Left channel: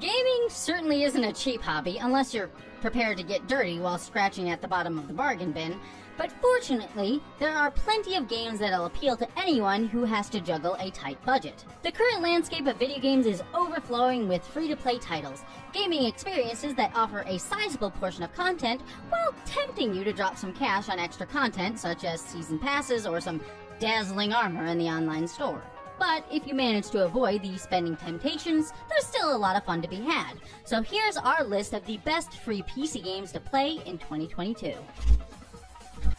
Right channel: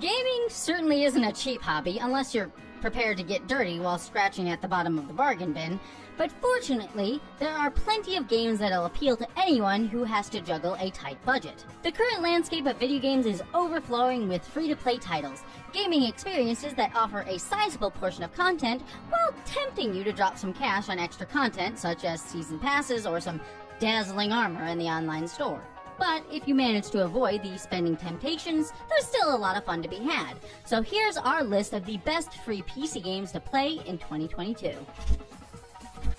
Gaming certainly isn't a cheap hobby unless you're prepared to get dirty while scratching at the bottom of the bargain bin, but fortunately, there are plenty of games that'll appeal to anyone who has to juggle a tight budget. The current landscape of video games is overflowing with free-to-play titles, gaming experiences that offer a sizable portion of content while tempting you to drop some cash on extra content such as season passes or some dazzling armor in the online store. But if you manage to avoid these spending temptations, there's still a lot of fun to be had. So here's our list of the best free PC games to play in 2022.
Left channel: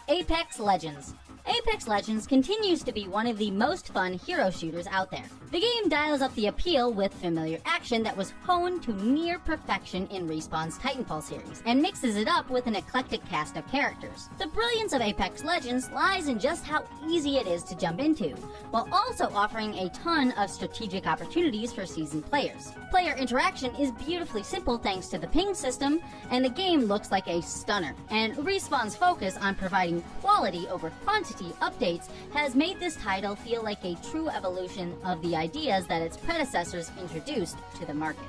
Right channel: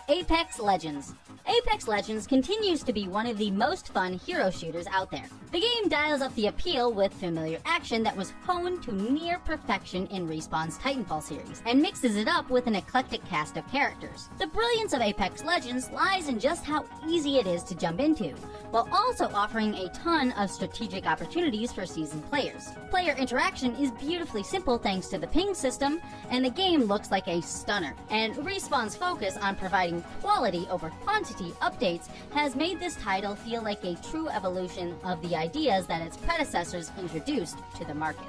Apex Legends. Apex Legends continues to be one of the most fun hero shooters out there. The game dials up the appeal with familiar action that was honed to near perfection in Respawn's Titanfall series, and mixes it up with an eclectic cast of characters. The brilliance of Apex Legends lies in just how easy it is to jump into, while also offering a ton of strategic opportunities for seasoned players. Player interaction is beautifully simple thanks to the ping system, and the game looks like a stunner, and Respawn's focus on providing quality over quantity updates has made this title feel like a true evolution of the ideas that its predecessors introduced to the market.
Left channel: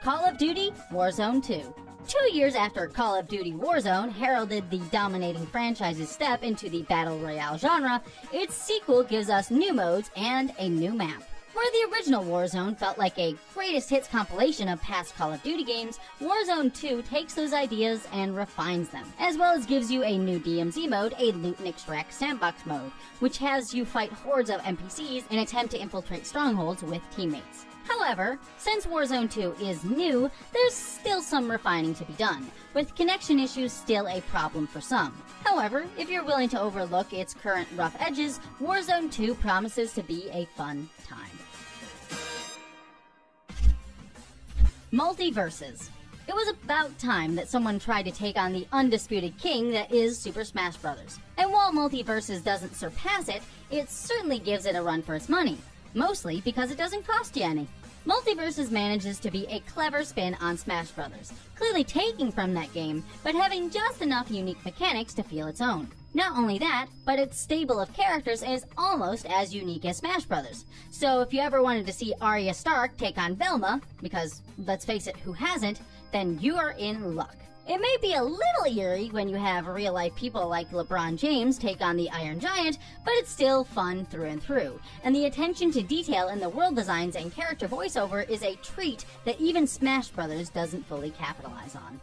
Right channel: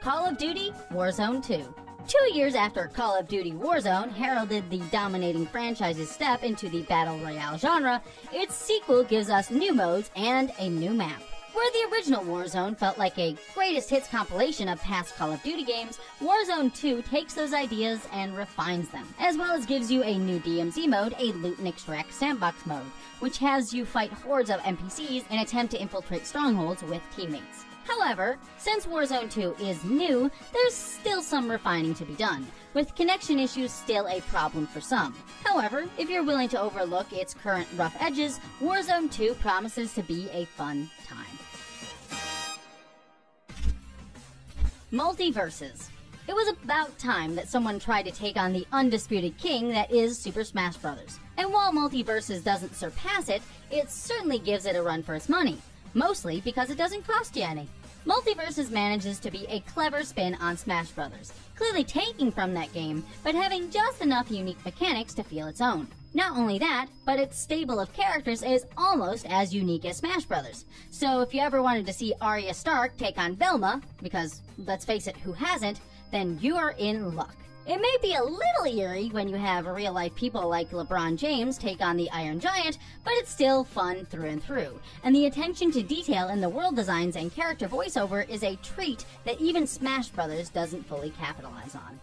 Call of Duty Warzone 2. 2 years after Call of Duty Warzone heralded the dominating franchise's step into the Battle Royale genre, its sequel gives us new modes and a new map. Where the original Warzone felt like a greatest hits compilation of past Call of Duty games, Warzone 2 takes those ideas and refines them, as well as gives you a new DMZ mode, a loot and extract sandbox mode, which has you fight hordes of NPCs and attempt to infiltrate strongholds with teammates. However, since Warzone 2 is new, there's still some refining to be done, with connection issues still a problem for some. However, if you're willing to overlook its current rough edges, Warzone 2 promises to be a fun time. Multiversus. It was about time that someone tried to take on the undisputed king that is Super Smash Bros. And while Multiversus doesn't surpass it, it certainly gives it a run for its money, mostly because it doesn't cost you any. Multiversus manages to be a clever spin on Smash Bros., clearly taking from that game, but having just enough unique mechanics to feel its own. Not only that, but its stable of characters is almost as unique as Smash Bros. So if you ever wanted to see Arya Stark take on Velma, because let's face it, who hasn't, then you are in luck. It may be a little eerie when you have real-life people like LeBron James take on the Iron Giant, but it's still fun through and through. And the attention to detail in the world designs and character voiceover is a treat that even Smash Bros. Doesn't fully capitalize on.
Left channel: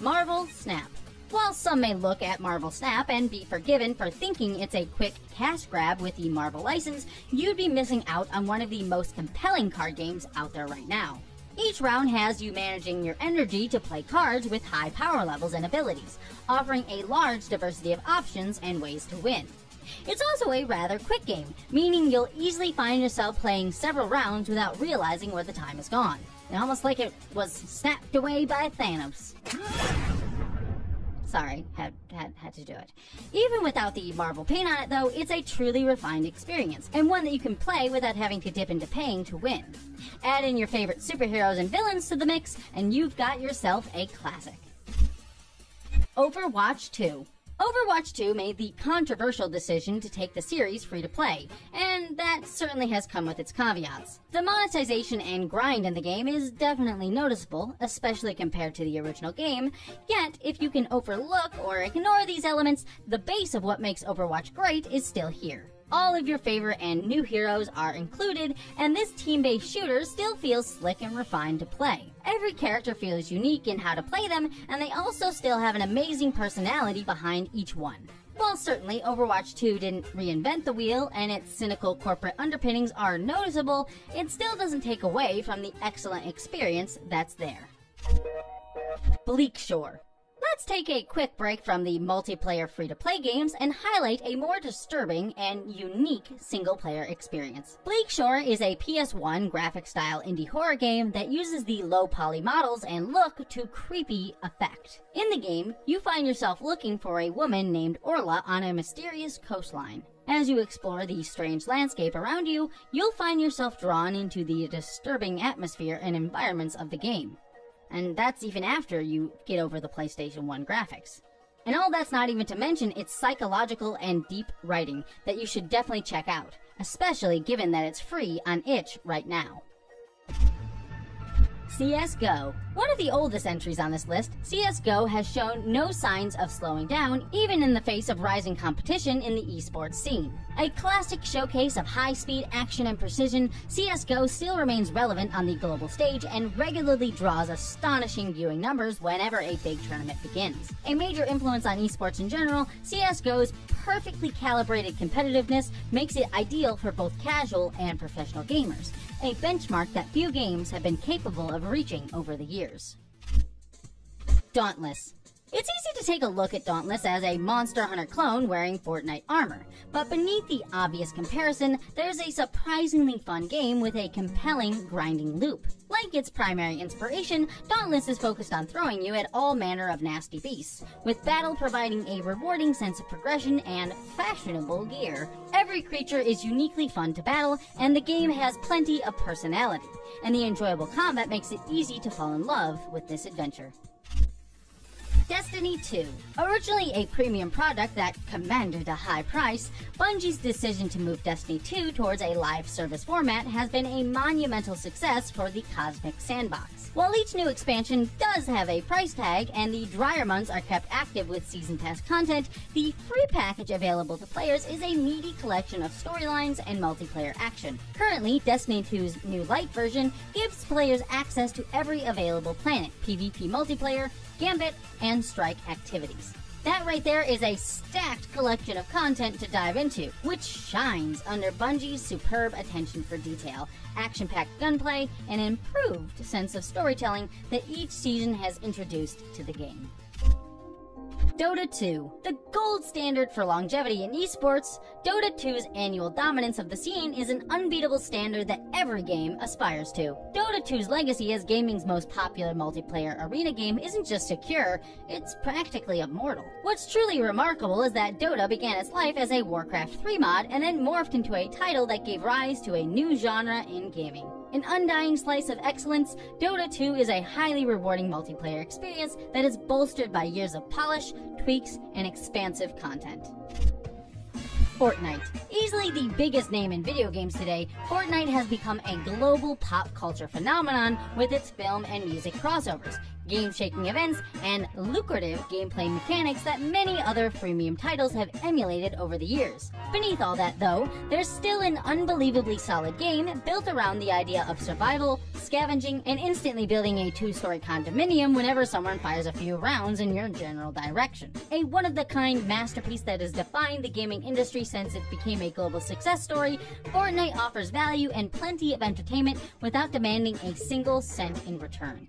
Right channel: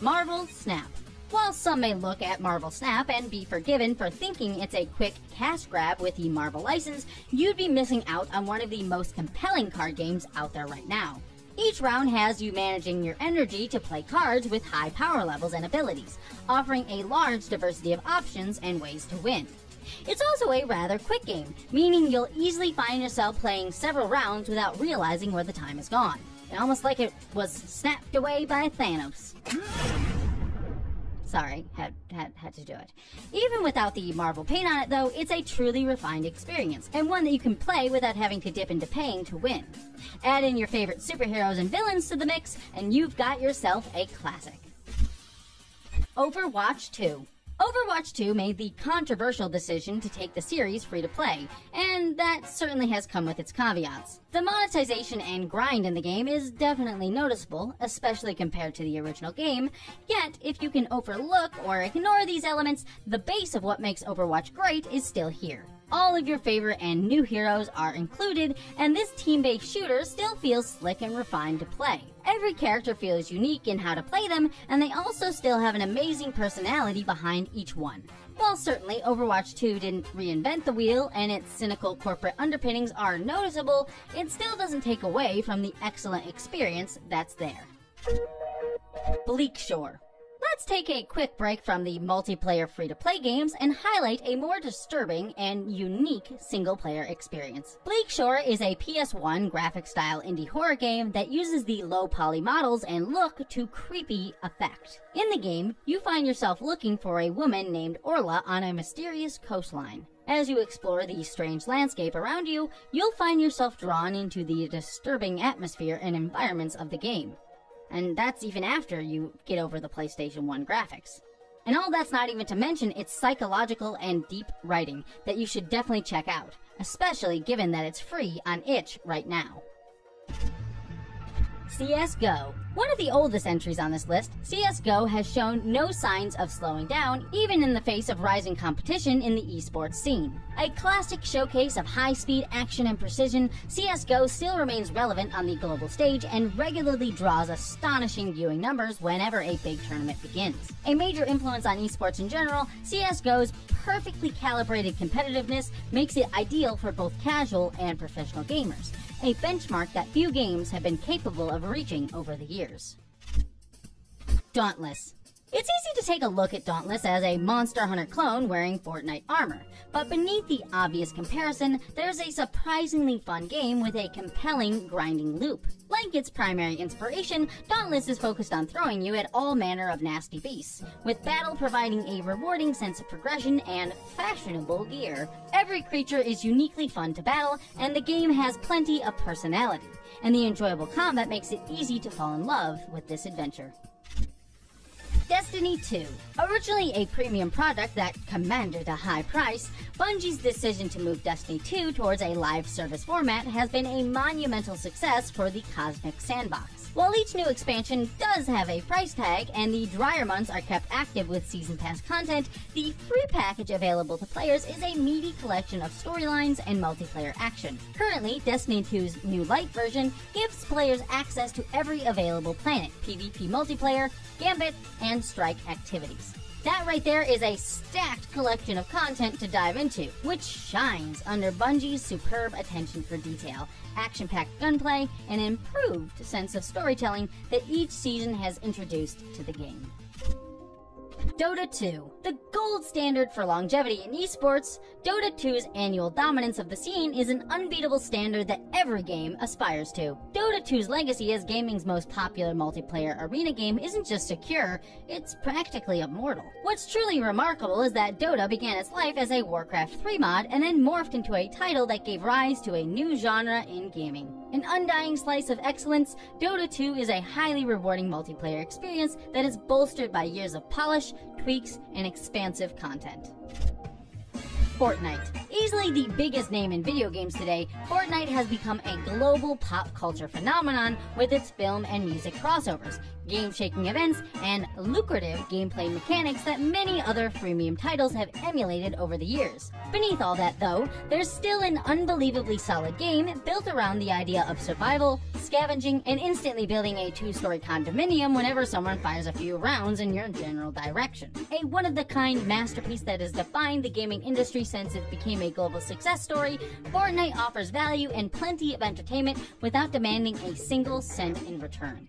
Marvel Snap. While some may look at Marvel Snap and be forgiven for thinking it's a quick cash grab with the Marvel license, you'd be missing out on one of the most compelling card games out there right now. Each round has you managing your energy to play cards with high power levels and abilities, offering a large diversity of options and ways to win. It's also a rather quick game, meaning you'll easily find yourself playing several rounds without realizing where the time is gone. Almost like it was snapped away by Thanos. Sorry, had to do it. Even without the Marvel paint on it though, it's a truly refined experience, and one that you can play without having to dip into paying to win. Add in your favorite superheroes and villains to the mix, and you've got yourself a classic. Overwatch 2. Overwatch 2 made the controversial decision to take the series free-to-play, and that certainly has come with its caveats. The monetization and grind in the game is definitely noticeable, especially compared to the original game, yet if you can overlook or ignore these elements, the base of what makes Overwatch great is still here. All of your favorite and new heroes are included, and this team-based shooter still feels slick and refined to play. Every character feels unique in how to play them, and they also still have an amazing personality behind each one. While certainly Overwatch 2 didn't reinvent the wheel, and its cynical corporate underpinnings are noticeable, it still doesn't take away from the excellent experience that's there. Bleakshore. Let's take a quick break from the multiplayer free-to-play games and highlight a more disturbing and unique single-player experience. Bleakshore is a PS1 graphic-style indie horror game that uses the low-poly models and look to creepy effect. In the game, you find yourself looking for a woman named Orla on a mysterious coastline. As you explore the strange landscape around you, you'll find yourself drawn into the disturbing atmosphere and environments of the game. And that's even after you get over the PlayStation 1 graphics. And all that's not even to mention its psychological and deep writing that you should definitely check out, especially given that it's free on itch right now. CSGO. One of the oldest entries on this list, CSGO has shown no signs of slowing down, even in the face of rising competition in the esports scene. A classic showcase of high-speed action and precision, CSGO still remains relevant on the global stage and regularly draws astonishing viewing numbers whenever a big tournament begins. A major influence on esports in general, CSGO's perfectly calibrated competitiveness makes it ideal for both casual and professional gamers, a benchmark that few games have been capable of reaching over the years. Dauntless. It's easy to take a look at Dauntless as a Monster Hunter clone wearing Fortnite armor, but beneath the obvious comparison, there's a surprisingly fun game with a compelling grinding loop. Like its primary inspiration, Dauntless is focused on throwing you at all manner of nasty beasts, with battle providing a rewarding sense of progression and fashionable gear. Every creature is uniquely fun to battle, and the game has plenty of personality, and the enjoyable combat makes it easy to fall in love with this adventure. Destiny 2. Originally a premium product that commanded a high price, Bungie's decision to move Destiny 2 towards a live service format has been a monumental success for the Cosmic Sandbox. While each new expansion does have a price tag and the drier months are kept active with Season Pass content, the free package available to players is a meaty collection of storylines and multiplayer action. Currently, Destiny 2's new light version gives players access to every available planet, PvP multiplayer, Gambit, and Strike activities. That right there is a stacked collection of content to dive into, which shines under Bungie's superb attention for detail, action-packed gunplay, and an improved sense of storytelling that each season has introduced to the game. Dota 2. The gold standard for longevity in esports, Dota 2's annual dominance of the scene is an unbeatable standard that every game aspires to. Dota 2's legacy as gaming's most popular multiplayer arena game isn't just secure, it's practically immortal. What's truly remarkable is that Dota began its life as a Warcraft 3 mod and then morphed into a title that gave rise to a new genre in gaming. An undying slice of excellence, Dota 2 is a highly rewarding multiplayer experience that is bolstered by years of polish, tweaks, and expansive content. Fortnite. Easily the biggest name in video games today, Fortnite has become a global pop culture phenomenon with its film and music crossovers, game-shaking events, and lucrative gameplay mechanics that many other freemium titles have emulated over the years. Beneath all that though, there's still an unbelievably solid game built around the idea of survival, scavenging, and instantly building a two-story condominium whenever someone fires a few rounds in your general direction. A one-of-the-kind masterpiece that has defined the gaming industry since it became a global success story, Fortnite offers value and plenty of entertainment without demanding a single cent in return.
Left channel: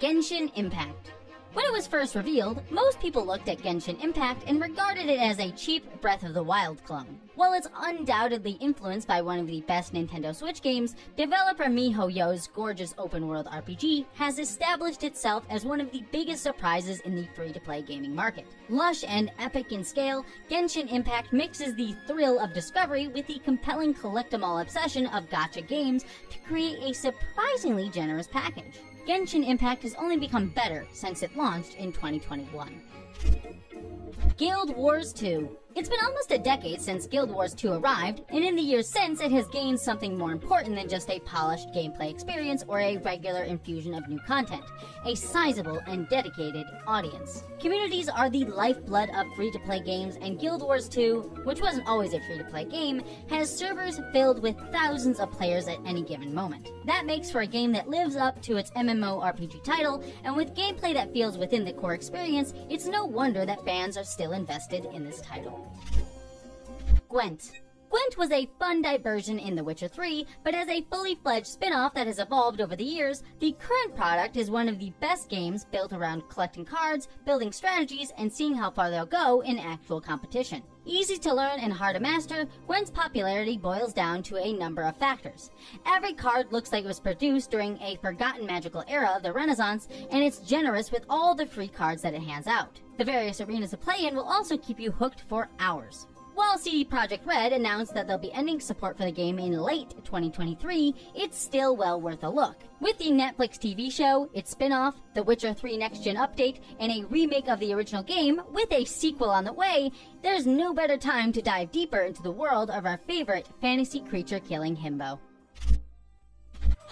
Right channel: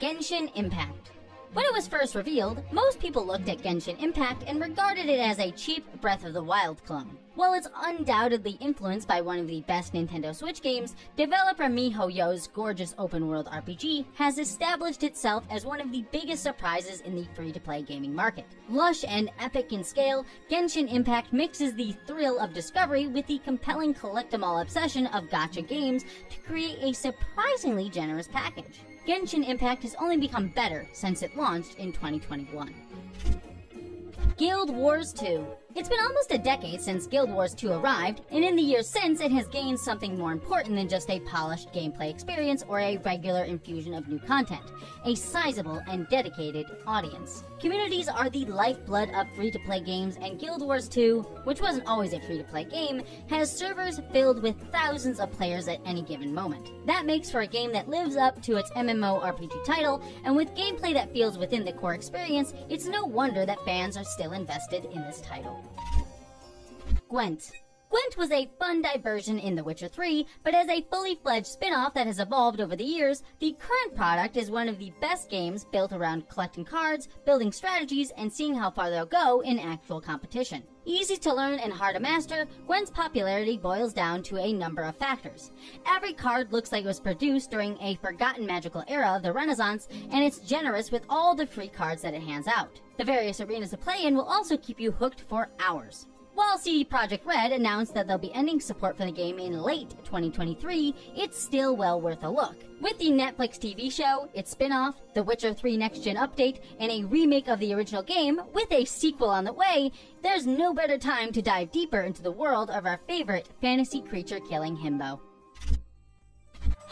Genshin Impact. When it was first revealed, most people looked at Genshin Impact and regarded it as a cheap Breath of the Wild clone. While it's undoubtedly influenced by one of the best Nintendo Switch games, developer miHoYo's gorgeous open-world RPG has established itself as one of the biggest surprises in the free-to-play gaming market. Lush and epic in scale, Genshin Impact mixes the thrill of discovery with the compelling collect-em-all obsession of gacha games to create a surprisingly generous package. Genshin Impact has only become better since it launched in 2021. Guild Wars 2. It's been almost a decade since Guild Wars 2 arrived, and in the years since it has gained something more important than just a polished gameplay experience or a regular infusion of new content, a sizable and dedicated audience. Communities are the lifeblood of free-to-play games, and Guild Wars 2, which wasn't always a free-to-play game, has servers filled with thousands of players at any given moment. That makes for a game that lives up to its MMORPG title, and with gameplay that feels within the core experience, it's no wonder that fans are still invested in this title. GWENT. GWENT was a fun diversion in The Witcher 3, but as a fully fledged spin-off that has evolved over the years, the current product is one of the best games built around collecting cards, building strategies, and seeing how far they'll go in actual competition. Easy to learn and hard to master, GWENT's popularity boils down to a number of factors. Every card looks like it was produced during a forgotten magical era of the Renaissance, and it's generous with all the free cards that it hands out. The various arenas to play in will also keep you hooked for hours. While CD Projekt Red announced that they'll be ending support for the game in late 2023, it's still well worth a look. With the Netflix TV show, its spin-off, The Witcher 3 Next Gen update, and a remake of the original game with a sequel on the way, there's no better time to dive deeper into the world of our favorite fantasy creature-killing himbo.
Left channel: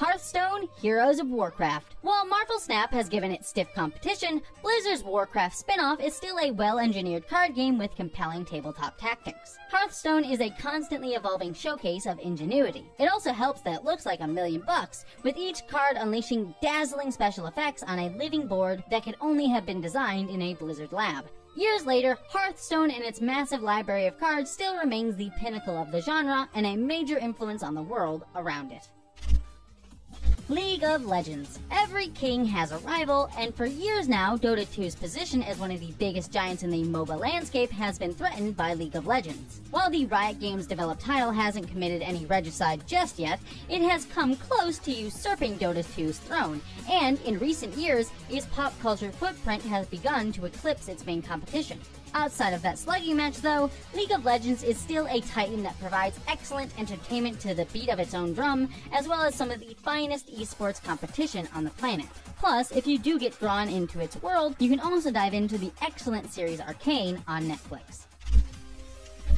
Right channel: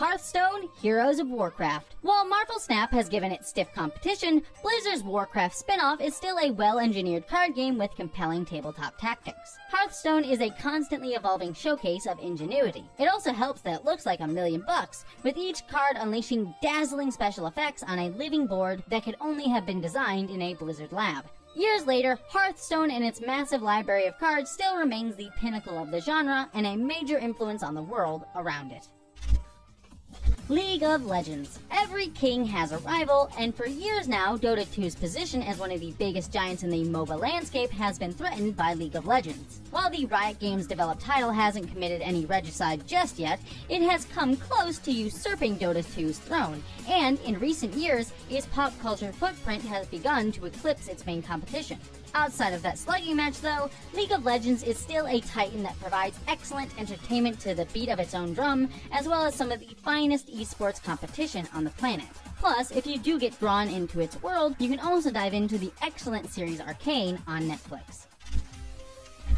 Hearthstone, Heroes of Warcraft. While Marvel Snap has given it stiff competition, Blizzard's Warcraft spin-off is still a well-engineered card game with compelling tabletop tactics. Hearthstone is a constantly evolving showcase of ingenuity. It also helps that it looks like $1 million, with each card unleashing dazzling special effects on a living board that could only have been designed in a Blizzard lab. Years later, Hearthstone and its massive library of cards still remains the pinnacle of the genre and a major influence on the world around it. League of Legends. Every king has a rival, and for years now, Dota 2's position as one of the biggest giants in the MOBA landscape has been threatened by League of Legends. While the Riot Games developed title hasn't committed any regicide just yet, it has come close to usurping Dota 2's throne, and in recent years, its pop culture footprint has begun to eclipse its main competition. Outside of that slugging match though, League of Legends is still a titan that provides excellent entertainment to the beat of its own drum, as well as some of the finest esports competition on the planet. Plus, if you do get drawn into its world, you can also dive into the excellent series Arcane on Netflix.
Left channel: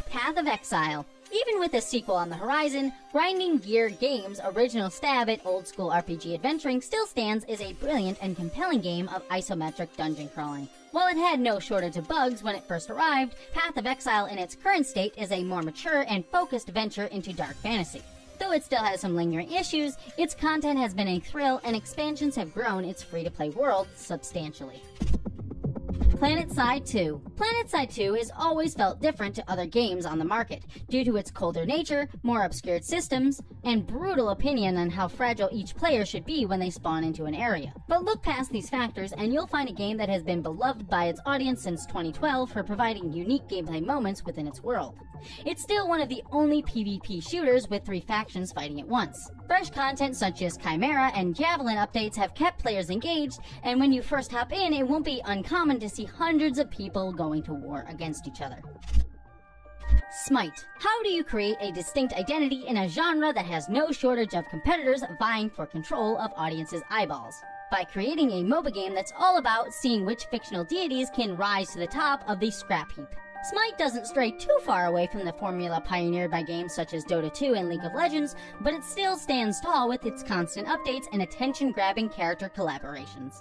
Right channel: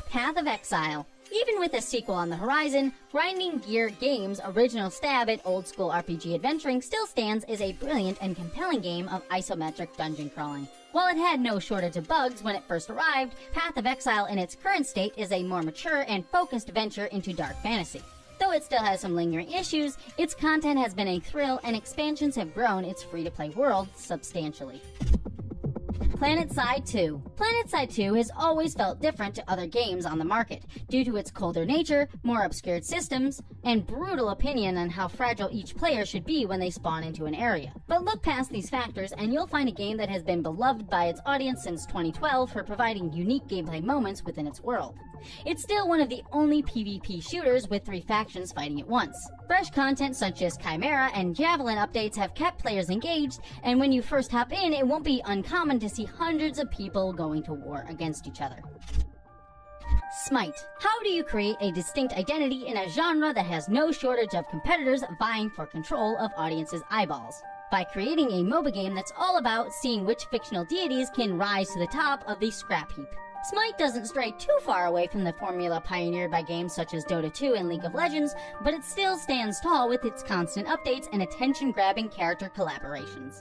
Path of Exile. Even with a sequel on the horizon, Grinding Gear Games' original stab at old-school RPG adventuring still stands as a brilliant and compelling game of isometric dungeon crawling. While it had no shortage of bugs when it first arrived, Path of Exile in its current state is a more mature and focused venture into dark fantasy. Though it still has some lingering issues, its content has been a thrill and expansions have grown its free-to-play world substantially. Planetside 2. Planetside 2 has always felt different to other games on the market, due to its colder nature, more obscured systems, and brutal opinion on how fragile each player should be when they spawn into an area. But look past these factors and you'll find a game that has been beloved by its audience since 2012 for providing unique gameplay moments within its world. It's still one of the only PvP shooters with 3 factions fighting at once. Fresh content such as Chimera and Javelin updates have kept players engaged, and when you first hop in, it won't be uncommon to see hundreds of people going to war against each other. Smite. How do you create a distinct identity in a genre that has no shortage of competitors vying for control of audiences' eyeballs? By creating a MOBA game that's all about seeing which fictional deities can rise to the top of the scrap heap. Smite doesn't stray too far away from the formula pioneered by games such as Dota 2 and League of Legends, but it still stands tall with its constant updates and attention-grabbing character collaborations.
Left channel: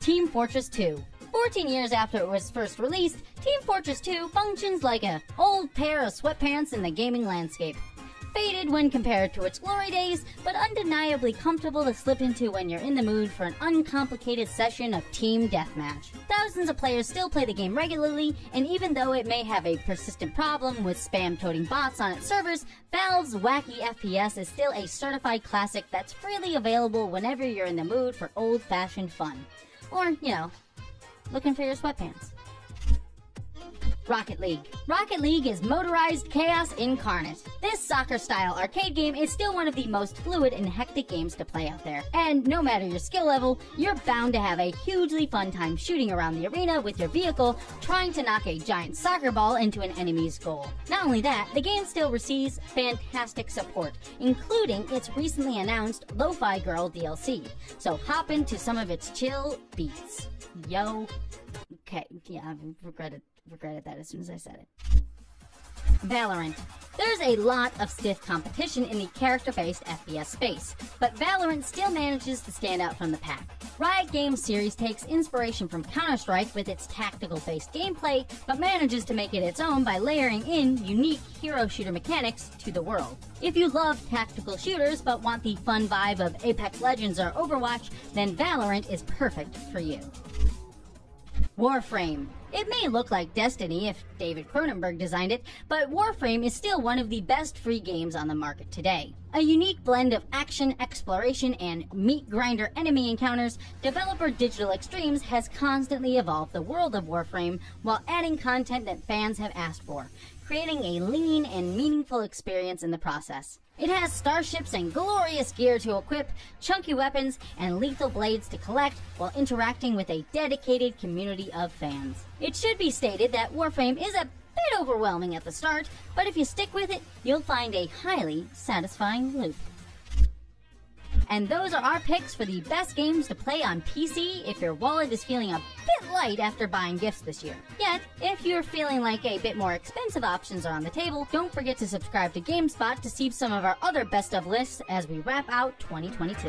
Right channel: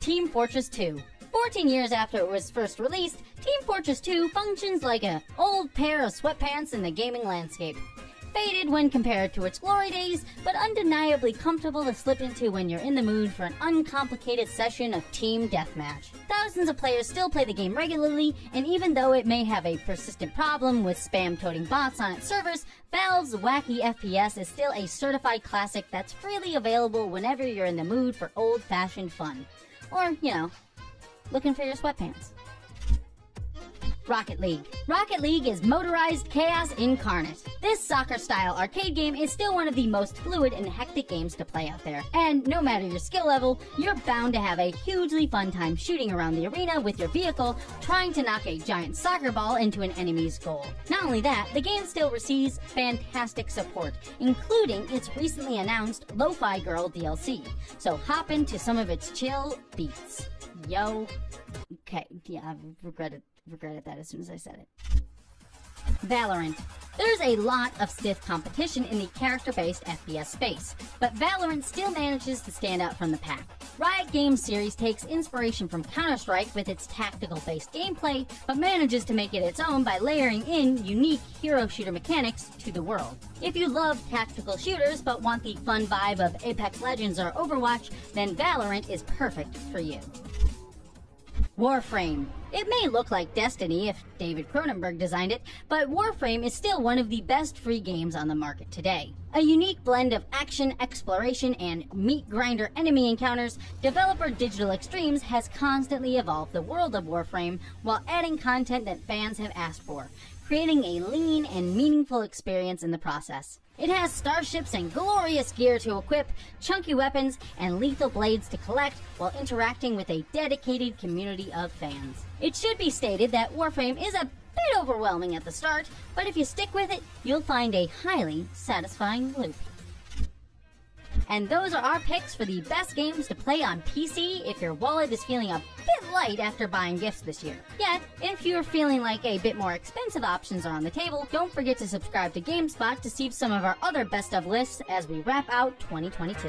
Team Fortress 2. 14 years after it was first released, Team Fortress 2 functions like an old pair of sweatpants in the gaming landscape. Faded when compared to its glory days, but undeniably comfortable to slip into when you're in the mood for an uncomplicated session of team deathmatch. Thousands of players still play the game regularly, and even though it may have a persistent problem with spam-toting bots on its servers, Valve's wacky FPS is still a certified classic that's freely available whenever you're in the mood for old-fashioned fun. Or, you know, looking for your sweatpants. Rocket League. Rocket League is motorized chaos incarnate. This soccer-style arcade game is still one of the most fluid and hectic games to play out there. And no matter your skill level, you're bound to have a hugely fun time shooting around the arena with your vehicle, trying to knock a giant soccer ball into an enemy's goal. Not only that, the game still receives fantastic support, including its recently announced Lo-Fi Girl DLC. So hop into some of its chill beats. Yo. Okay, yeah, I regretted that as soon as I said it. Valorant. There's a lot of stiff competition in the character-based FPS space, but Valorant still manages to stand out from the pack. Riot Games series takes inspiration from Counter-Strike with its tactical-based gameplay, but manages to make it its own by layering in unique hero shooter mechanics to the world. If you love tactical shooters but want the fun vibe of Apex Legends or Overwatch, then Valorant is perfect for you. Warframe. It may look like Destiny if David Cronenberg designed it, but Warframe is still one of the best free games on the market today. A unique blend of action, exploration, and meat-grinder enemy encounters, developer Digital Extremes has constantly evolved the world of Warframe while adding content that fans have asked for, creating a lean and meaningful experience in the process. It has starships and glorious gear to equip, chunky weapons, and lethal blades to collect while interacting with a dedicated community of fans. It should be stated that Warframe is a bit overwhelming at the start, but if you stick with it, you'll find a highly satisfying loop. And those are our picks for the best games to play on PC if your wallet is feeling a bit light after buying gifts this year. Yet, if you're feeling like a bit more expensive options are on the table, don't forget to subscribe to GameSpot to see some of our other best of lists as we wrap out 2022.